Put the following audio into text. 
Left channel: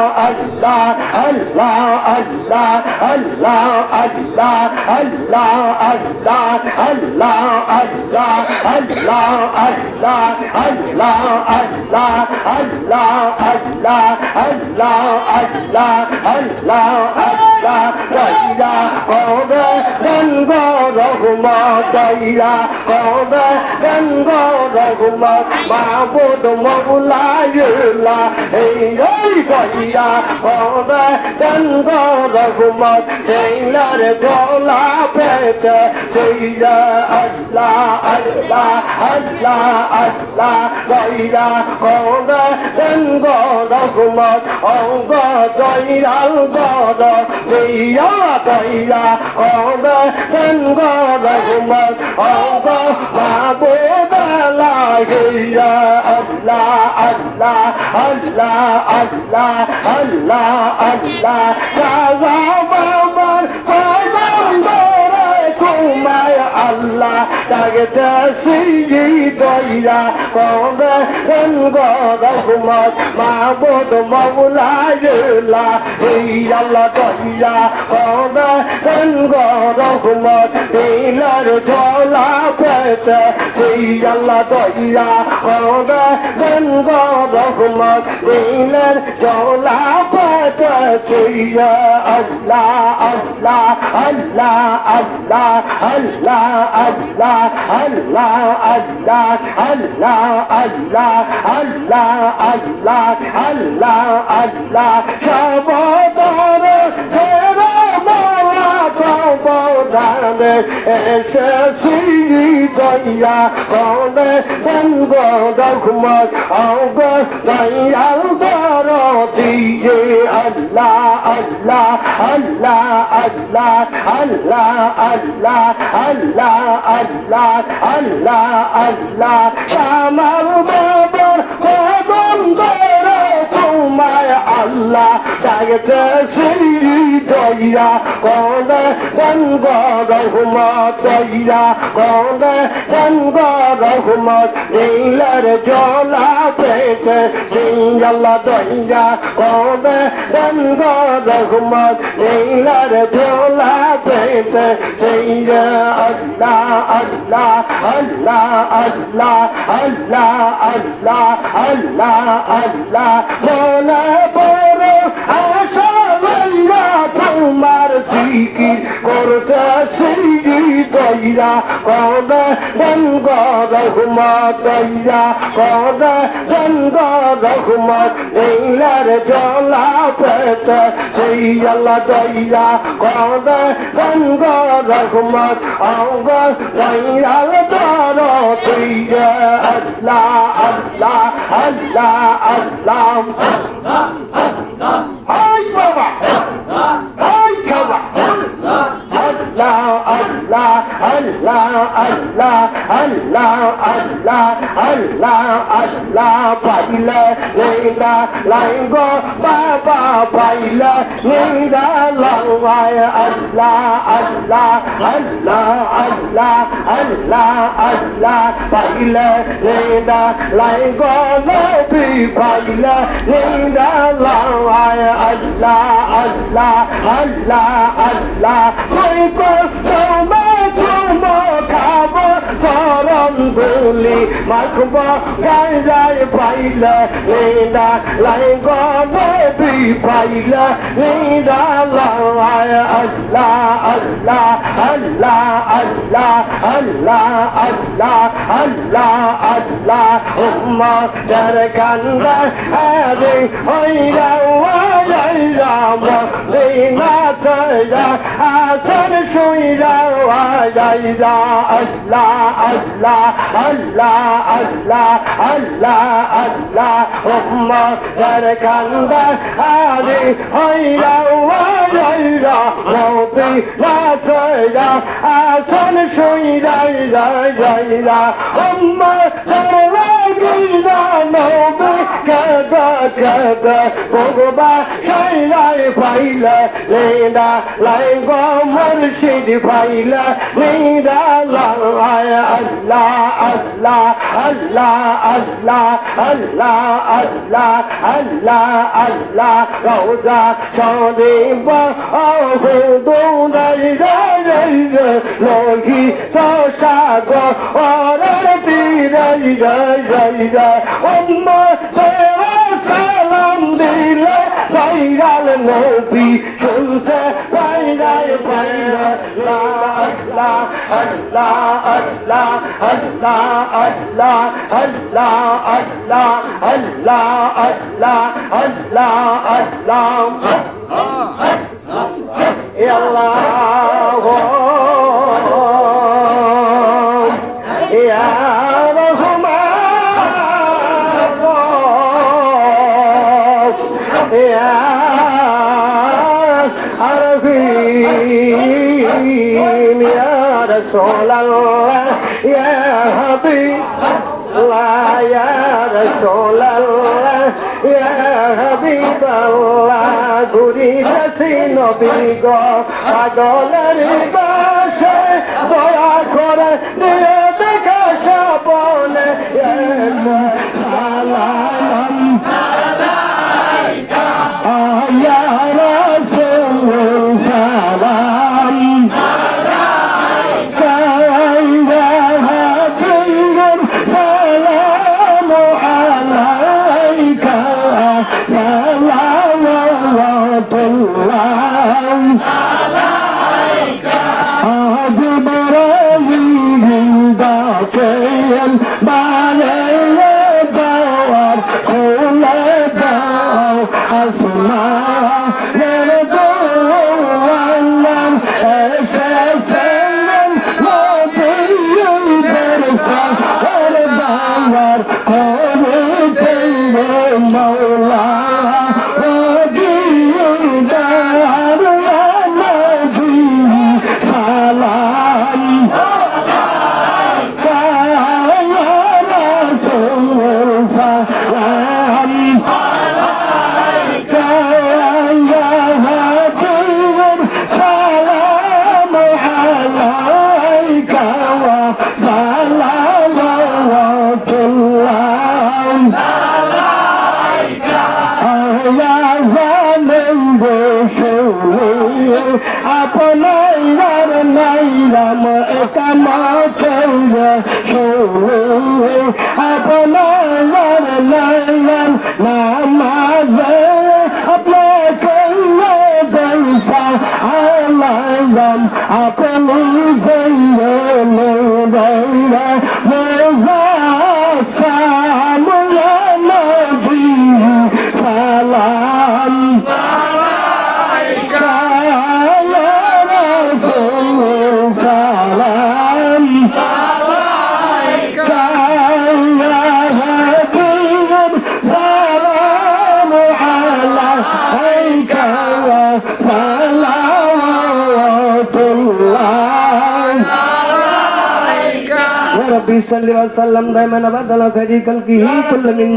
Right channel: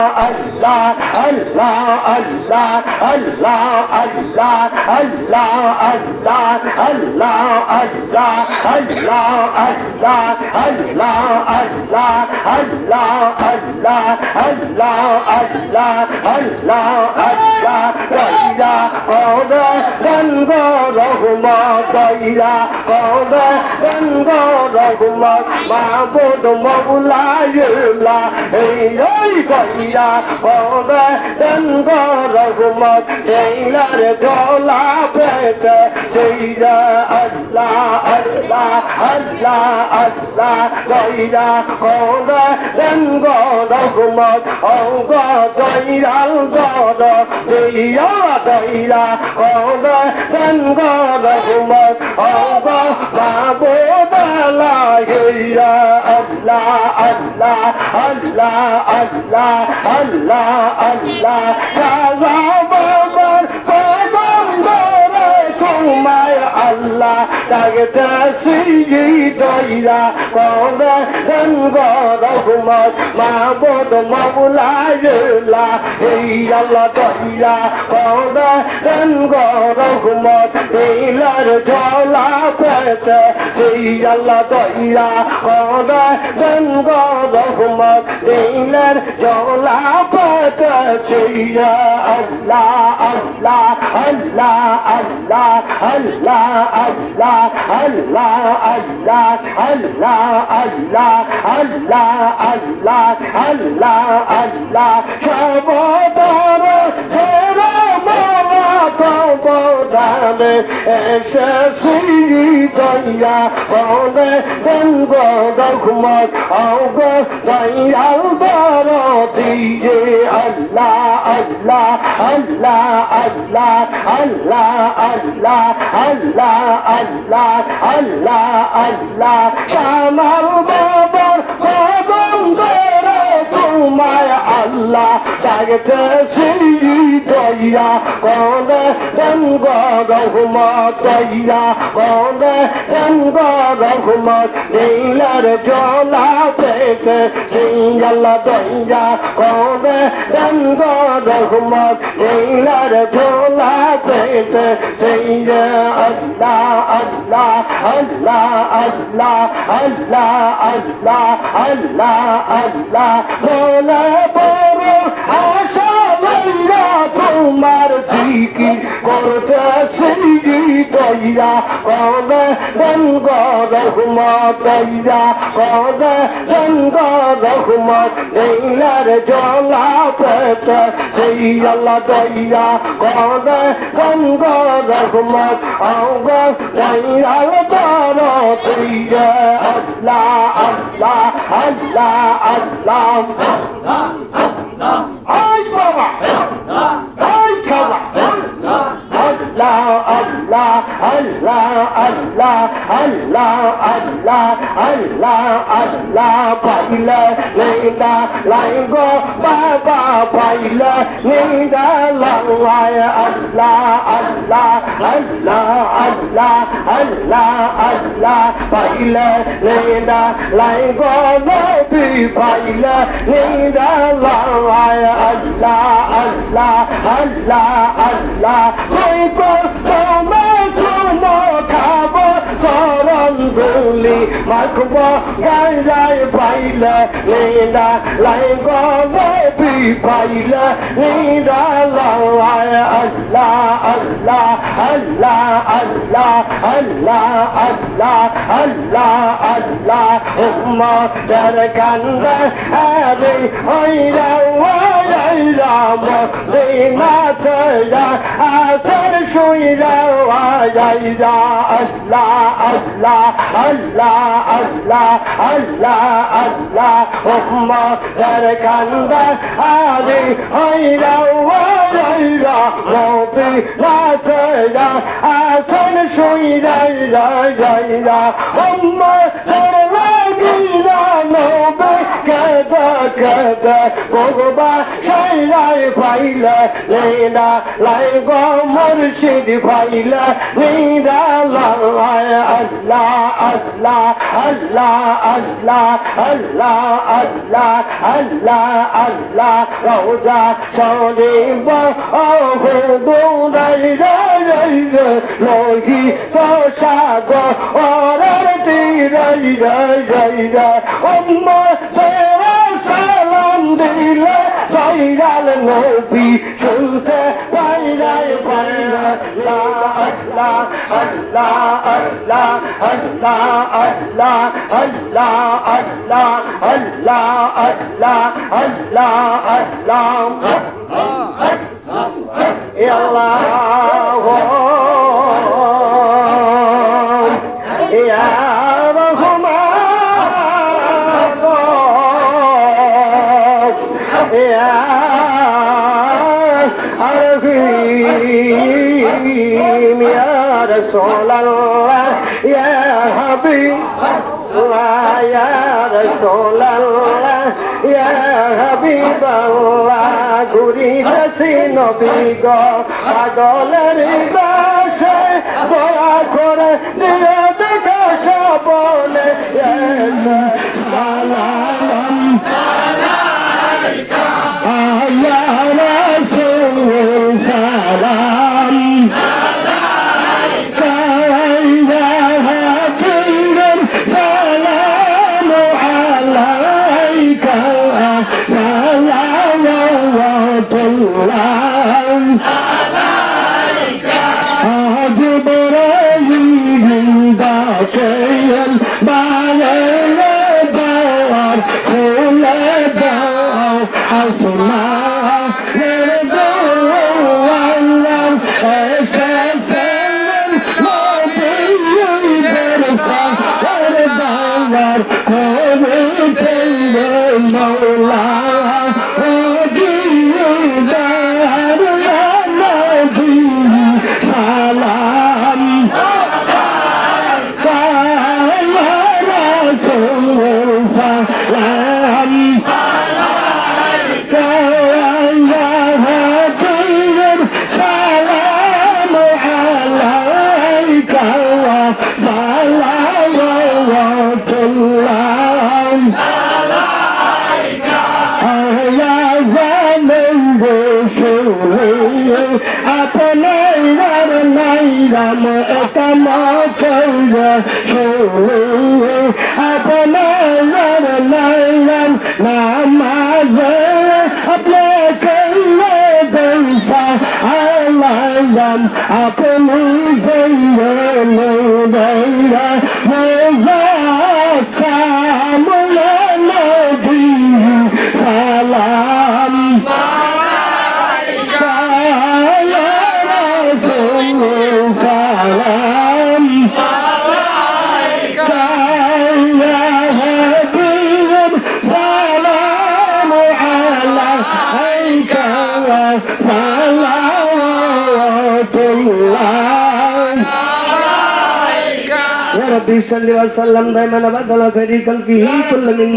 Allah, Allah, Allah, Allah, Allah, Allah, Allah, Allah, Allah, Allah, Allah, Allah, Allah, Allah, Allah, Allah, Allah, Allah, Allah, Daya, Oda, Dango, Rahmat, Daya, Oda, Dango, Rahmat, Mahbud, Mawla, Yula, Hey, Daya, Oda, Dango, Rahmat, Daya, Dola, Peta, Sayya, Allah, Allah, Allah, Allah, Daya, Oda, Dango, Rahmat, Oga, Daya, Goda, Daya, Daya, Oga, Dango, Rahmat, Oga, Mahbub, Allah, Allah, Allah, Allah, Allah, Allah, Allah, Allah, Dagata, see, Daya, Koda, and Goda, Humat, Mahbud, Mawla, Yula, Hey, Allah, Daya, Koda, and Goda, Humat, Hey, Dola, Peta, say, Allah, Daya, Koda, and Goda, Humat, Hey, Dola, Peta, say, Allah, Allah, Allah, Allah, Allah, Allah, Allah, Allah, Allah, Allah, Allah, Allah, Allah, Allah, Shabodara, Sera, Mala, Tobodane, Esasi, Daya, Kone, Dengo, Dogmat, Auga, Daya, Daro, Diye, Allah, Allah, Allah, Allah, Allah, Allah, Allah, Allah, Allah, Allah, Kamal Babar, Babam Dere, Kumay Allah, Dagata Siri Daya, Koda, then God of Humat Daya, Koda, then God of Humat, Dila Jola Pete, Sing Allah Daya, Koda, then God of Humat, Dila Jola Pete, Sing Allah, Allah, Allah, Allah, Allah, Allah, Allah, Allah, Mola Boro, Asha Vaya, Kumar Tiki, Korta Sidi Daya, Koda, then God of Humat Daya, Koda, then God of Humat, Dila Jola Peta, say Allah Daya, Koda, then God of Humat, Auga, Daya, Daro, Daya, Allah, Allah, Allah, Allah, Allah, Allah, Hey Baba, Hey Kaba, Allah, Allah, Allah, Allah, Allah, Allah, Allah, Allah, Baila, Leila, Lango, Baba, Baila, Leila, Lawaya, Allah, Allah, Allah, Allah, Allah, Allah, Baila, Leila, Lango, Nabi, Baila, Leila, Lawaya, Allah, Allah, Allah, Allah, Leila, Guli, Makuba, Gaya, Baila, Leda, Lango, Baby, Baila, Leda, Lawaya, Allah, Allah, Allah, Allah, Allah, Allah, Allah, Allah, Umma, Darakanda, Hadi, Oida, Waya, Lima, Toya, Asan, Shuida, Waya, Allah, Allah, Allah, Allah, Allah, Allah, Umma, Darakanda, Hadi, Oida, Waya, Roti, Latoya, Asan, Shuida, Umma, Darakanda, নবে কাদা কাদা ভগবা সাইরাই পাইলা লেনা লাই গো মুর্শিদ পাইলা লেনা লাই আল্লাহ আল্লাহ আল্লাহ আল্লাহ আল্লাহ আল্লাহ আল্লাহ আল্লাহ রওজা শরীফ ও হুদুরাই রাই লোহি তো সাগর ওরে রাই রাই রাই রাই উম্মত সালাম দিলে ভাইরাল নবী শুনতে ভাইরাল ভাইরাল আল্লাহ আল্লাহ আল্লাহ আল্লাহ আল্লাহ আল্লাহ আল্লাহ আল্লাহ আল্লাহ আল্লাহ আল্লাহ يا رسول الله يا حبيب الله يا رسول الله يا حبيب الله ঘুরি যাচ্ছি নবী গো পাগলের বাসায় দয়া করে দিয়ে দেখা সবনে সালাম আলাইকা ইয়া রাসূল সালাম আপনার নাম কামা কইরা শুনে আপনার নাম নামাজে আপনার কইরা দইসা আলাম আপনি জইরে দইরা মোজা সামুয়া নবী সালাম ربي صل وسلم دائما ابدا على خير خلقه كل من